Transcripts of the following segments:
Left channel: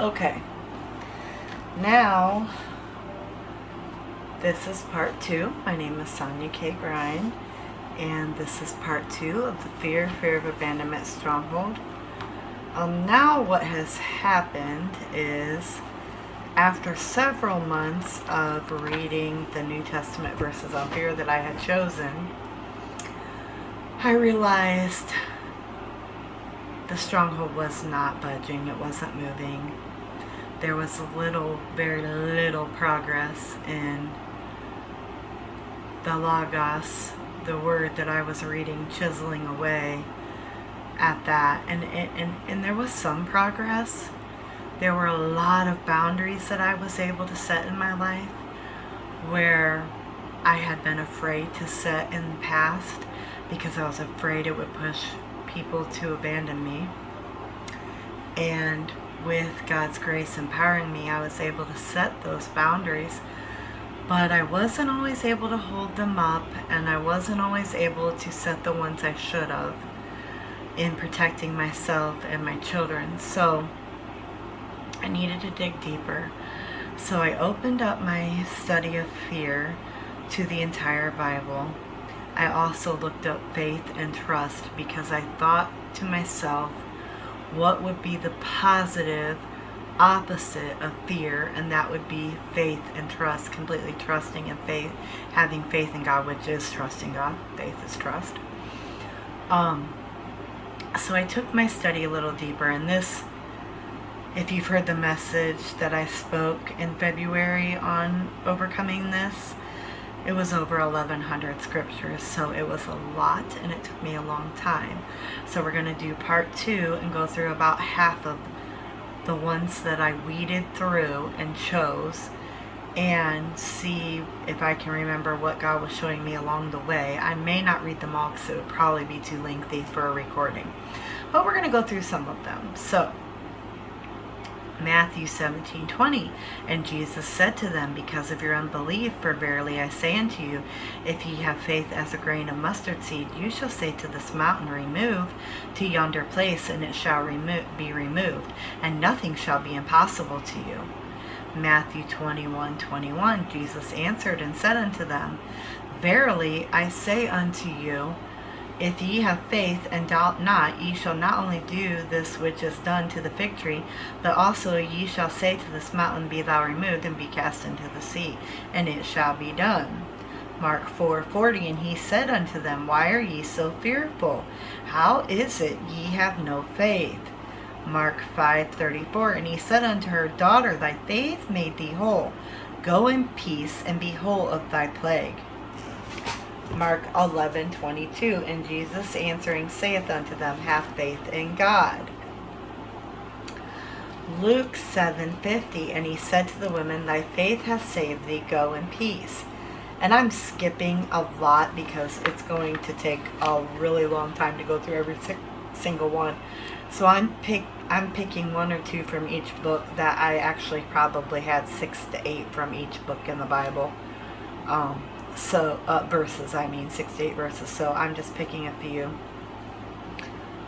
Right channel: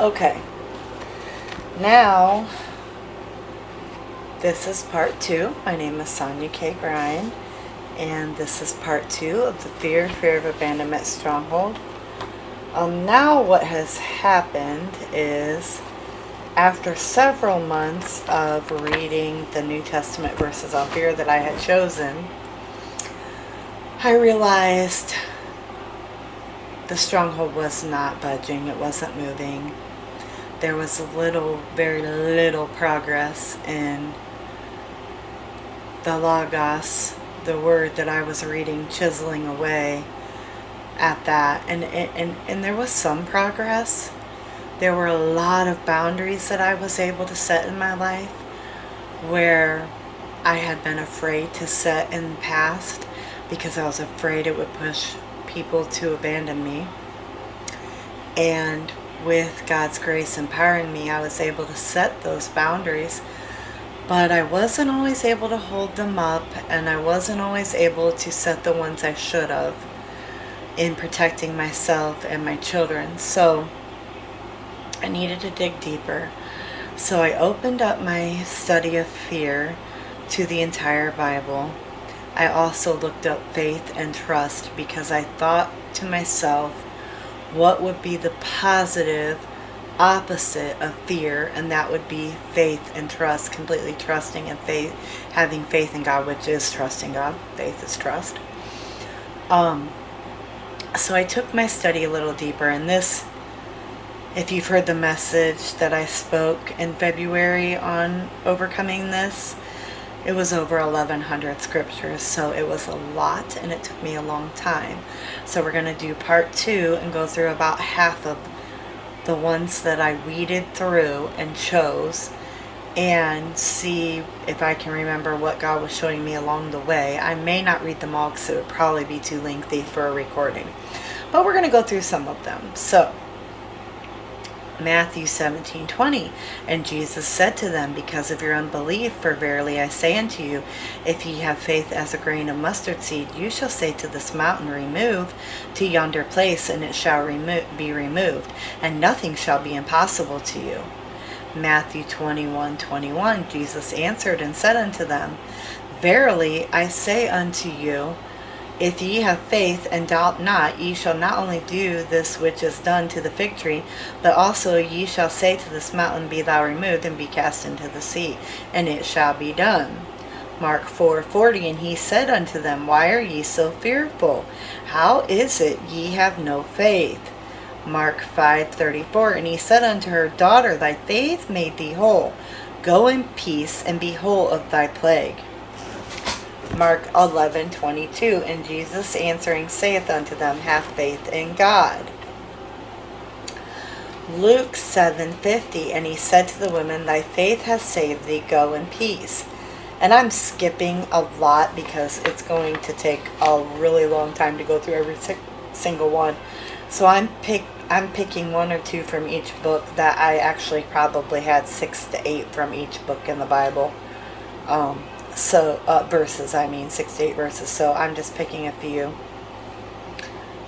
Okay, now this is part 2. My name is Sonia K. Grind, and this is part 2 of the Fear of Abandonment Stronghold. Now what has happened is, after several months of reading the New Testament verses on fear that I had chosen, I realized the stronghold was not budging. It wasn't moving. There was very little progress in the Logos, the word that I was reading, chiseling away at that. And there was some progress. There were a lot of boundaries that I was able to set in my life where I had been afraid to set in the past because I was afraid it would push people to abandon me. And with God's grace empowering me, I was able to set those boundaries, but I wasn't always able to hold them up, and I wasn't always able to set the ones I should have in protecting myself and my children. So I needed to dig deeper. So I opened up my study of fear to the entire Bible. I also looked up faith and trust because I thought to myself, what would be the positive opposite of fear? And that would be faith and trust, completely trusting and faith, having faith in God, which is trusting God. Faith is trust. So I took my study a little deeper, and this, if you've heard the message that I spoke in February on overcoming this, it was over 1,100 scriptures, so it was a lot, and it took me a long time. So we're going to do part 2 and go through about half of the ones that I weeded through and chose, and see if I can remember what God was showing me along the way. I may not read them all because it would probably be too lengthy for a recording, but we're going to go through some of them. So Matthew 17:20, and Jesus said to them, because of your unbelief, for verily I say unto you, if ye have faith as a grain of mustard seed, you shall say to this mountain, remove to yonder place, and it shall be removed, and nothing shall be impossible to you. Matthew 21:21, Jesus answered and said unto them, verily I say unto you, if ye have faith and doubt not, ye shall not only do this which is done to the fig tree, but also ye shall say to this mountain, be thou removed, and be cast into the sea, and it shall be done. Mark 4:40, and he said unto them, why are ye so fearful? How is it ye have no faith? Mark 5:34, and he said unto her, daughter, thy faith made thee whole. Go in peace, and be whole of thy plague. Mark 11:22, and Jesus answering saith unto them, have faith in God. Luke 7:50, and he said to the women, thy faith hath saved thee, go in peace. And I'm skipping a lot because it's going to take a really long time to go through every single one. So I'm picking 1 or 2 from each book that I actually probably had 6 to 8 from each book in the Bible. Verses, 6 to 8 verses, so I'm just picking a few.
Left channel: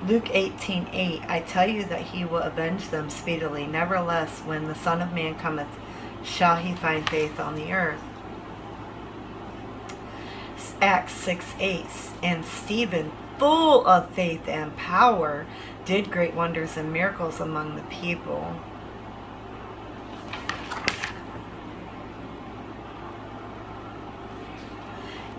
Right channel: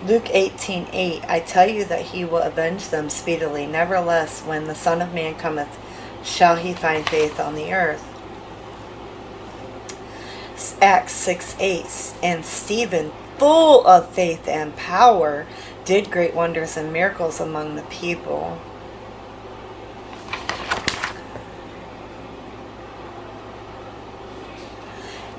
Luke 18:8, I tell you that he will avenge them speedily. Nevertheless, when the Son of Man cometh, shall he find faith on the earth? Acts 6:8, and Stephen, full of faith and power, did great wonders and miracles among the people.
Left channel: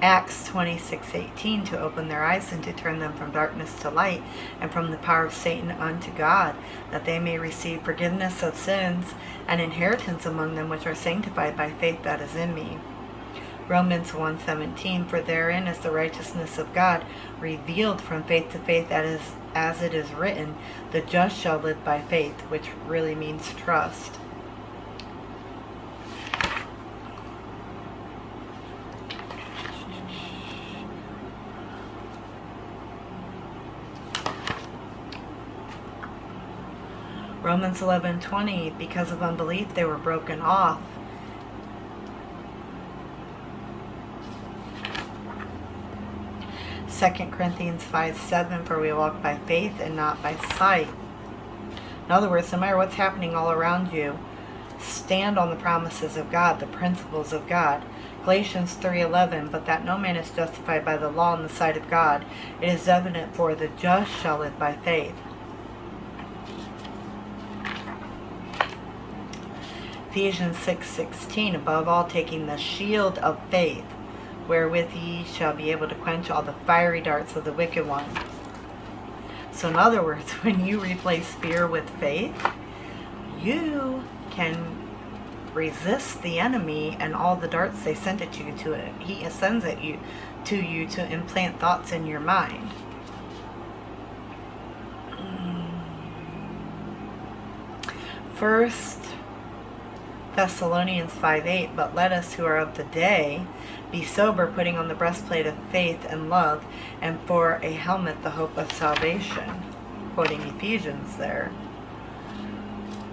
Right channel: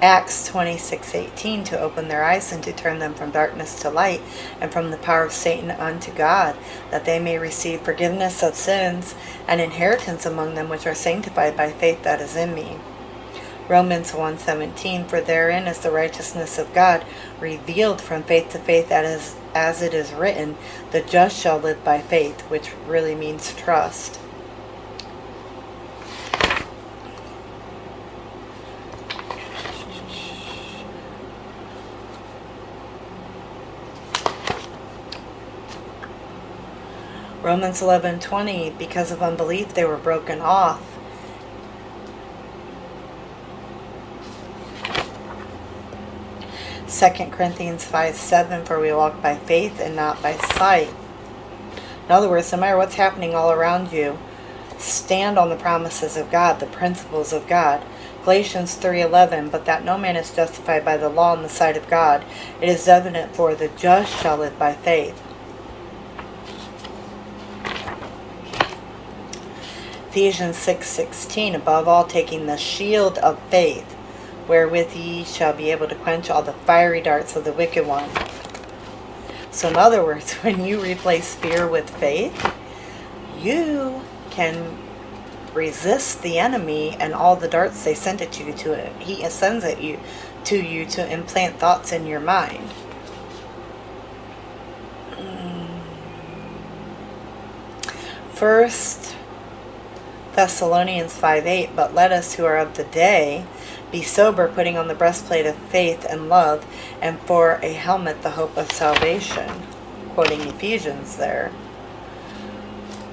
Acts 26:18, to open their eyes and to turn them from darkness to light, and from the power of Satan unto God, that they may receive forgiveness of sins and inheritance among them which are sanctified by faith that is in me. Romans 1:17, for therein is the righteousness of God revealed from faith to faith, as it is written, the just shall live by faith, which really means trust. Romans 11:20, because of unbelief they were broken off. 2 Corinthians 5:7, for we walk by faith and not by sight. In other words, no matter what's happening all around you, stand on the promises of God, the principles of God. Galatians 3:11, but that no man is justified by the law in the sight of God. It is evident, for the just shall live by faith. Ephesians 6:16, above all taking the shield of faith, wherewith ye shall be able to quench all the fiery darts of the wicked one. So in other words, when you replace fear with faith, you can resist the enemy and all the darts they send at you to it. He sends it to you to implant thoughts in your mind. First Thessalonians 5:8, but let us who are of the day be sober, putting on the breastplate of faith and love, and for a helmet the hope of salvation. Quoting Ephesians there.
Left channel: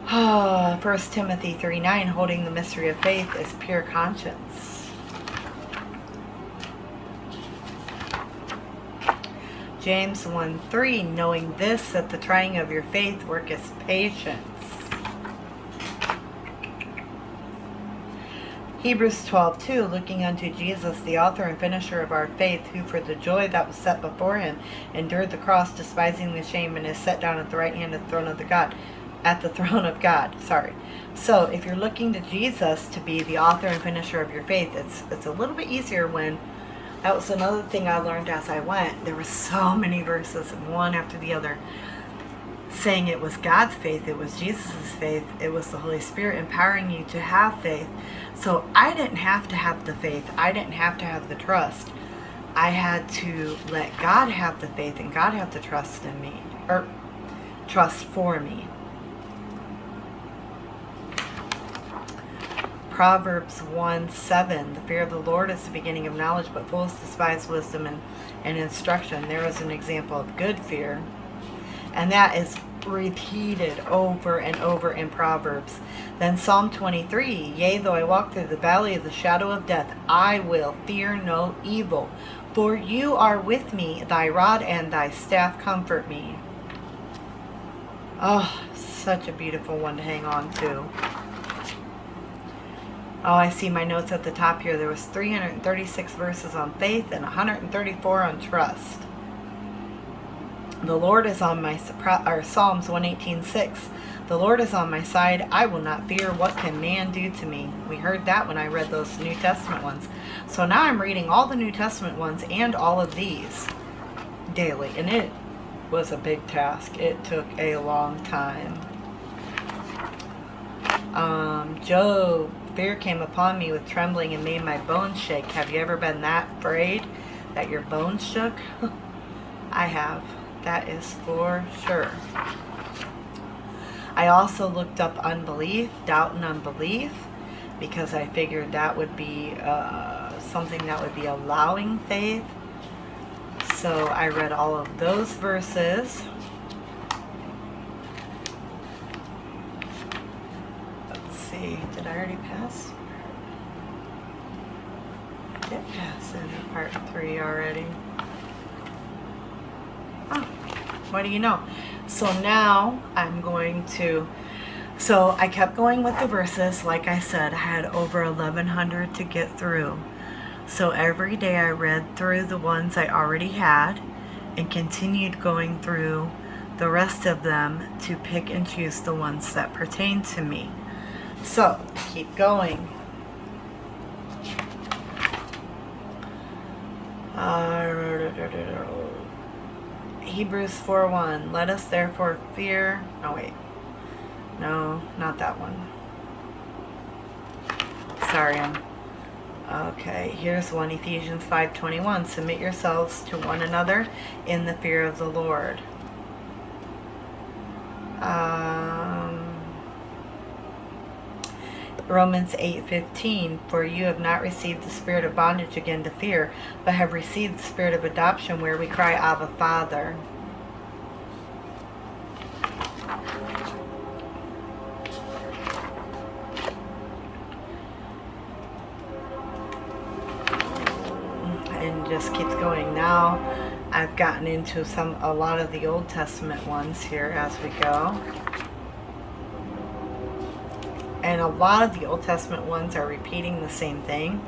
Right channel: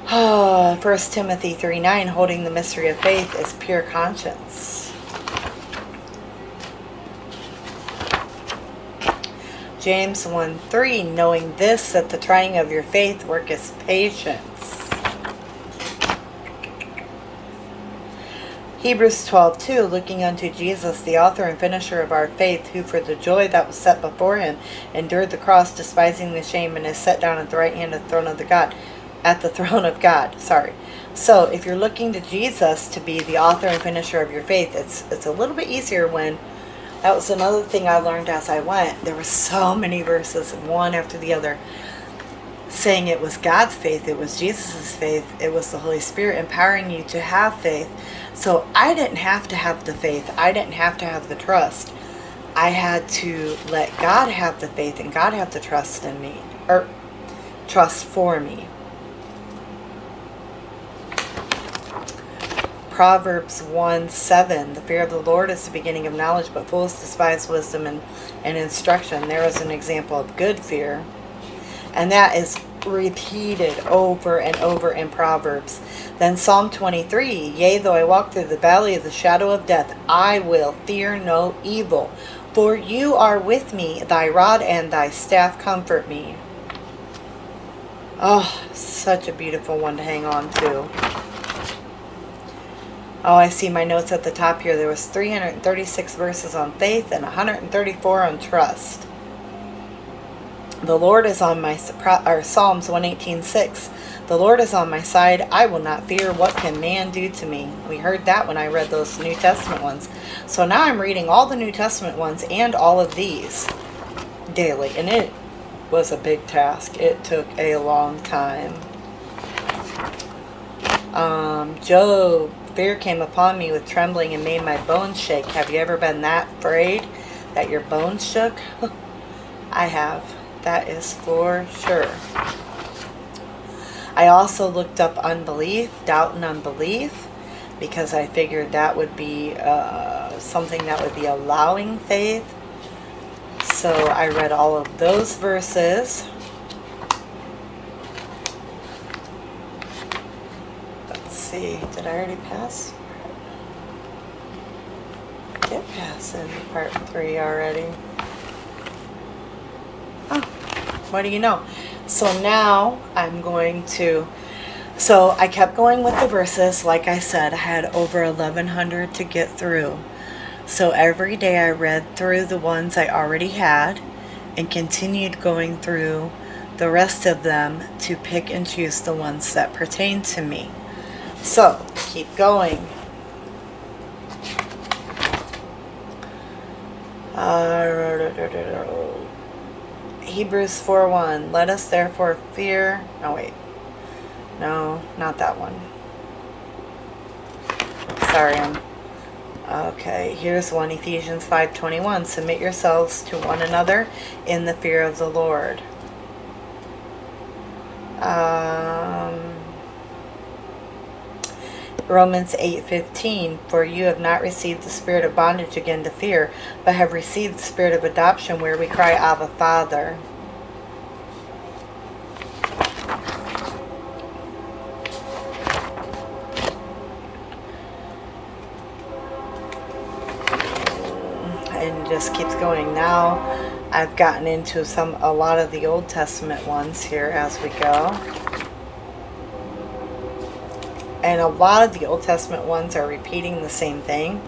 1 Timothy 3:9, holding the mystery of faith is pure conscience. James 1:3, knowing this, that the trying of your faith worketh patience. Hebrews 12:2, looking unto Jesus, the author and finisher of our faith, who for the joy that was set before him endured the cross, despising the shame, and is set down at the right hand of the throne of God. So if you're looking to Jesus to be the author and finisher of your faith, it's a little bit easier when, that was another thing I learned as I went. There were so many verses, one after the other, saying it was God's faith, it was Jesus' faith, it was the Holy Spirit empowering you to have faith. So I didn't have to have the faith. I didn't have to have the trust. I had to let God have the faith and God have the trust in me, or trust for me. Proverbs 1:7, the fear of the Lord is the beginning of knowledge, but fools despise wisdom and instruction. There is an example of good fear. And that is repeated over and over in Proverbs. Then Psalm 23, yea, though I walk through the valley of the shadow of death, I will fear no evil. For you are with me, thy rod and thy staff comfort me. Oh, such a beautiful one to hang on to. Oh, I see my notes at the top here. There was 336 verses on faith and 134 on trust. The Lord is on my, Psalms 118:6. The Lord is on my side. I will not fear. What can man do to me? We heard that when I read those New Testament ones. So now I'm reading all the New Testament ones and all of these daily. And it was a big task. It took a long time. Job, fear came upon me with trembling and made my bones shake. Have you ever been that afraid that your bones shook? I have. That is for sure. I also looked up unbelief, doubt and unbelief, because I figured that would be something that would be allowing faith. So I read all of those verses. Let's see, did I already pass? I did pass in part 3 already. Oh, what do you know? So now I'm going to, so I kept going with the verses. Like I said, I had over 1,100 to get through. So every day I read through the ones I already had and continued going through the rest of them to pick and choose the ones that pertain to me. So keep going. Hebrews 4:1. Let us therefore fear. Oh, wait. No, not that one. Sorry. Okay, here's one. Ephesians 5:21. Submit yourselves to one another in the fear of the Lord. Romans 8:15, for you have not received the spirit of bondage again to fear, but have received the spirit of adoption, where we cry, Abba, Father. And just keeps going. Now I've gotten into a lot of the Old Testament ones here as we go. And a lot of the Old Testament ones are repeating the same thing.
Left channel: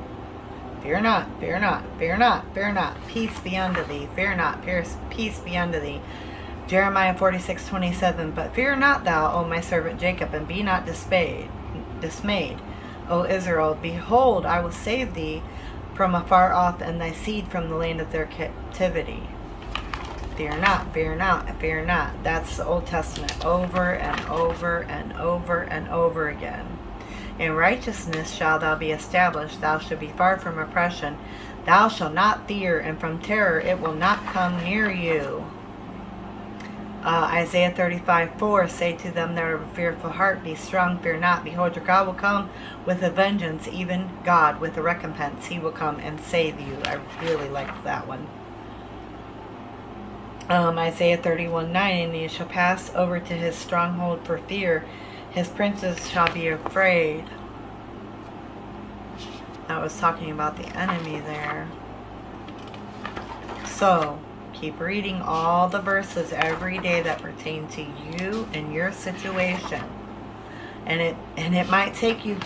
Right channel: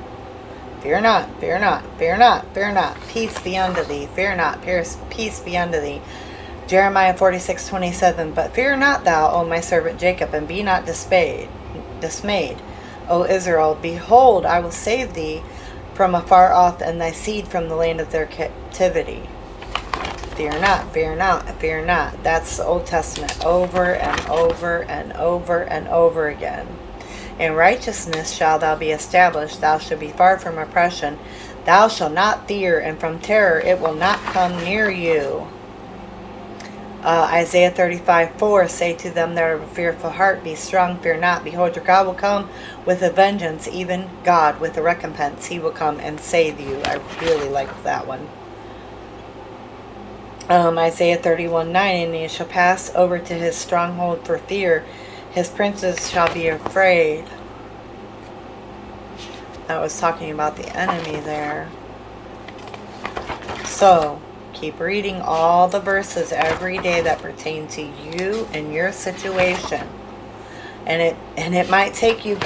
Fear not, fear not, fear not, fear not. Peace be unto thee. Fear not, peace be unto thee. Jeremiah 46:27. But fear not thou, O my servant Jacob, and be not dismayed. O Israel, behold, I will save thee from afar off, and thy seed from the land of their captivity. Fear not, fear not, fear not. That's the Old Testament over and over and over and over again. In righteousness shalt thou be established. Thou shalt be far from oppression. Thou shalt not fear, and from terror it will not come near you. Isaiah 35:4. Say to them that are of a fearful heart, be strong, fear not. Behold, your God will come with a vengeance, even God with a recompense. He will come and save you. I really liked that one. Isaiah 31:9. And he shall pass over to his stronghold for fear. His princes shall be afraid. That was talking about the enemy there. So, keep reading all the verses every day that pertain to you and your situation. And it might take you,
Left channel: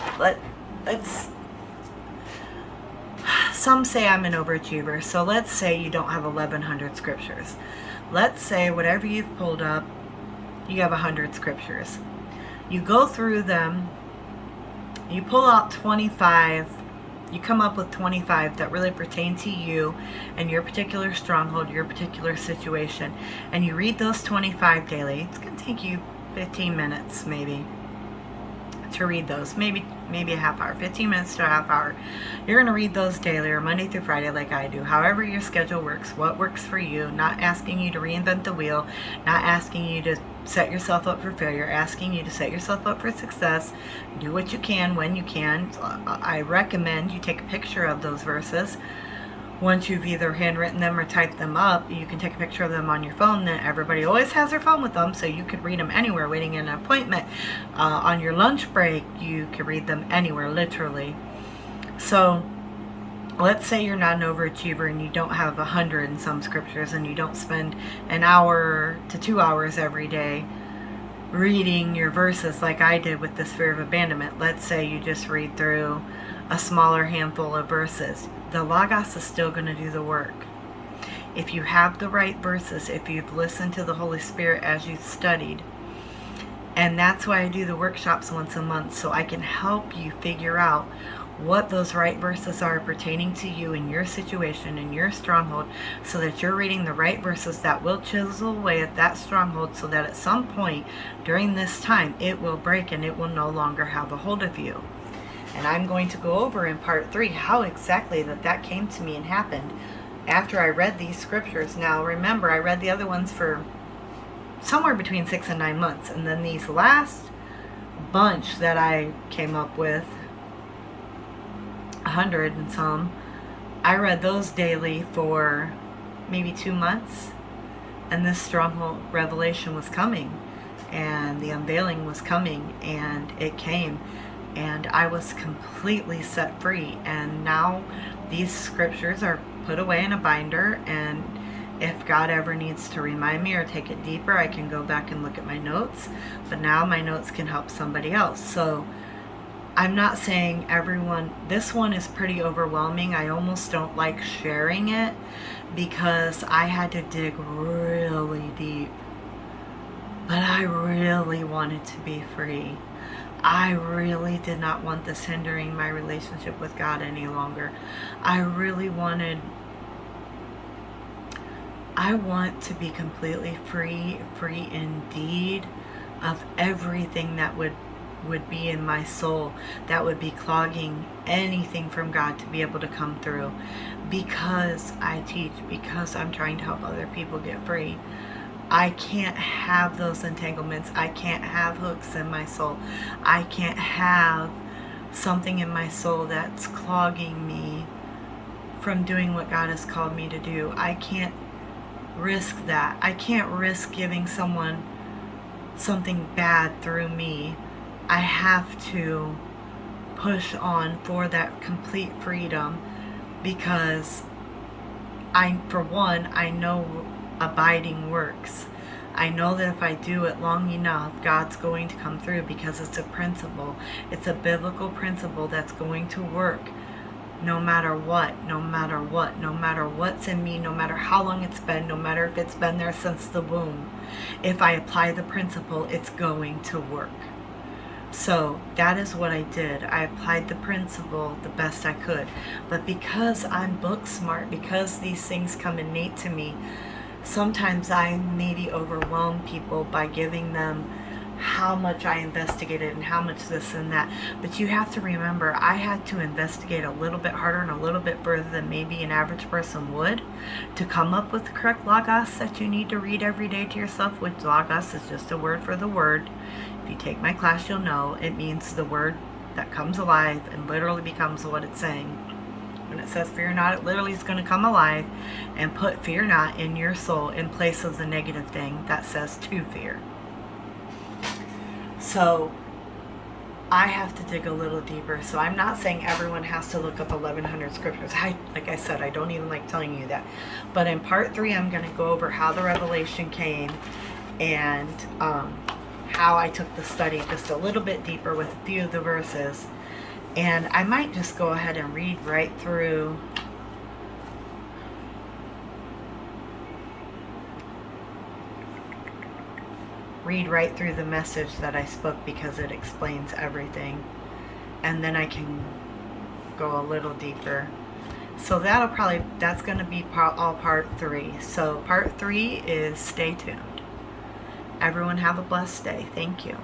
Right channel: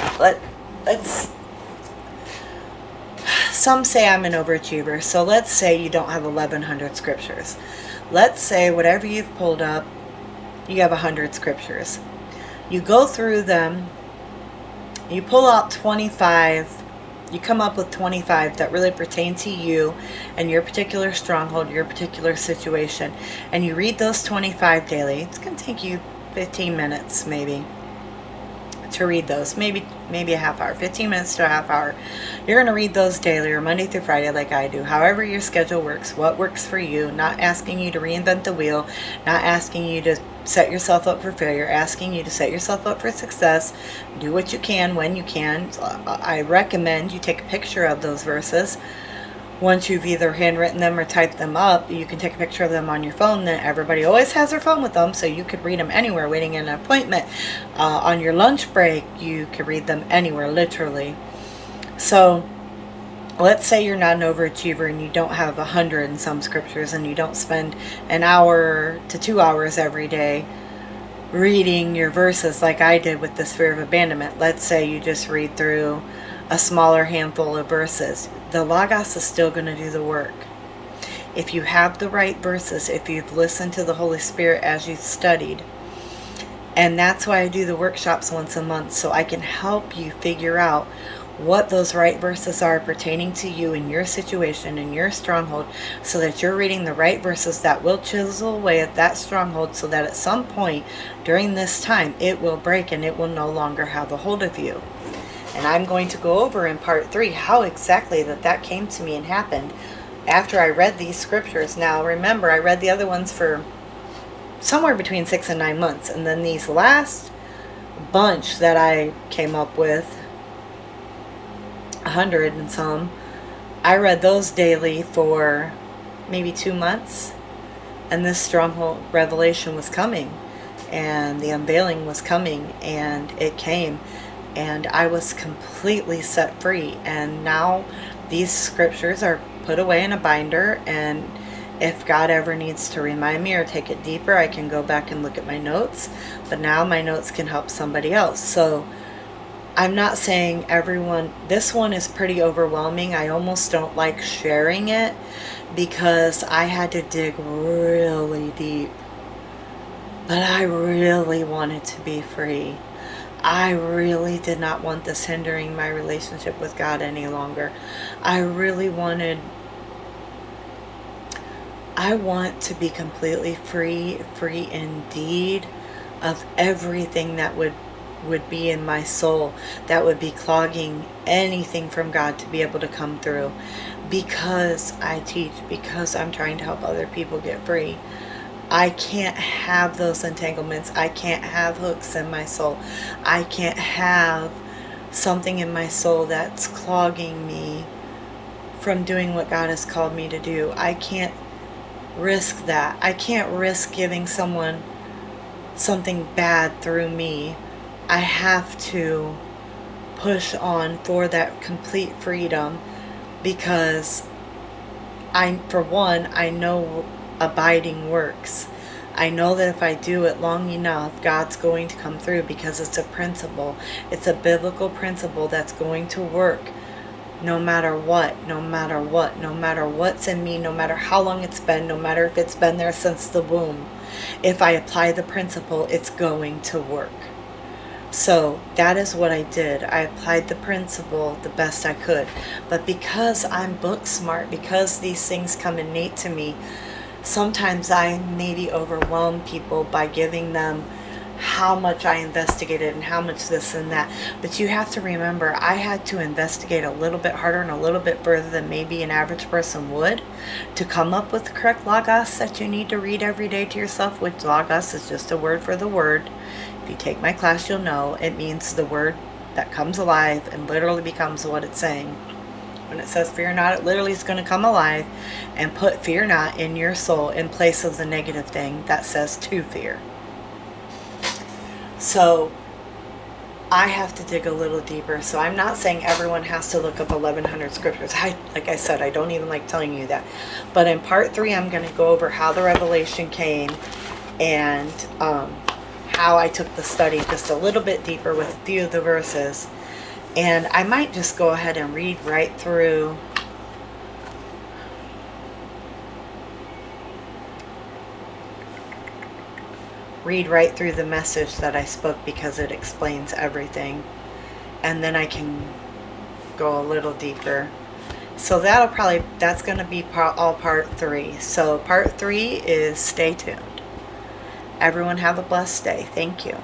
some say I'm an overachiever. So let's say you don't have 1,100 scriptures. Let's say whatever you've pulled up, you have 100 scriptures. You go through them, you pull out 25, you come up with 25 that really pertain to you and your particular stronghold, your particular situation, and you read those 25 daily. It's going to take you 15 minutes maybe to read those, maybe a half hour, 15 minutes to a half hour. You're going to read those daily or Monday through Friday like I do, however your schedule works, what works for you, not asking you to reinvent the wheel, not asking you to set yourself up for failure, asking you to set yourself up for success. Do what you can when you can. I recommend you take a picture of those verses. Once you've either handwritten them or typed them up, you can take a picture of them on your phone. Then everybody always has their phone with them, so you could read them anywhere, waiting in an appointment, on your lunch break. You could read them anywhere, literally. So let's say you're not an overachiever and you don't have 100 and some scriptures, and you don't spend an hour to 2 hours every day reading your verses like I did with this fear of abandonment. Let's say you just read through a smaller handful of verses. The Logos is still going to do the work. If you have the right verses, if you've listened to the Holy Spirit as you've studied. And that's why I do the workshops once a month, so I can help you figure out what those right verses are pertaining to you in your situation, in your stronghold, so that you're reading the right verses that will chisel away at that stronghold, so that at some point during this time it will break and it will no longer have a hold of you. And I'm going to go over in part 3 how exactly that came to me and happened after I read these scriptures. Now remember, I read the other ones for somewhere between 6 and 9 months, and then these last bunch that I came up with, 100 and some, I read those daily for maybe 2 months, and this stronghold revelation was coming, and the unveiling was coming, and it came, and I was completely set free. And now these scriptures are put away in a binder, and if God ever needs to remind me or take it deeper, I can go back and look at my notes, but now my notes can help somebody else. So I'm not saying everyone, this one is pretty overwhelming. I almost don't like sharing it because I had to dig really deep. But I really wanted to be free. I really did not want this hindering my relationship with God any longer. I want to be completely free indeed of everything that would be in my soul, that would be clogging anything from God to be able to come through. Because I teach, because I'm trying to help other people get free, I can't have those entanglements. I can't have hooks in my soul. I can't have something in my soul that's clogging me from doing what God has called me to do. I can't risk that. I can't risk giving someone something bad through me. I have to push on for that complete freedom, because I know abiding works. I know that if I do it long enough, God's going to come through, because it's a principle. It's a biblical principle that's going to work no matter what, no matter what, no matter what's in me, no matter how long it's been, no matter if it's been there since the womb. If I apply the principle, it's going to work. So that is what I did. I applied the principle the best I could. But because I'm book smart, because these things come innate to me, sometimes I maybe overwhelm people by giving them how much I investigated and how much this and that. But you have to remember, I had to investigate a little bit harder and a little bit further than maybe an average person would to come up with the correct logos that you need to read every day to yourself, which logos is just a word for the word. If you take my class, you'll know it means the word that comes alive and literally becomes what it's saying. When it says fear not, it literally is going to come alive and put fear not in your soul in place of the negative thing that says to fear. So I have to dig a little deeper. So I'm not saying everyone has to look up 1,100 scriptures. Like I said, I don't even like telling you that. But in part 3, I'm going to go over how the revelation came and how I took the study just a little bit deeper with a few of the verses. And I might just go ahead and read right through the message that I spoke, because it explains everything. And then I can go a little deeper. So that's going to be all part 3. So part 3 is stay tuned. Everyone have a blessed day. Thank you.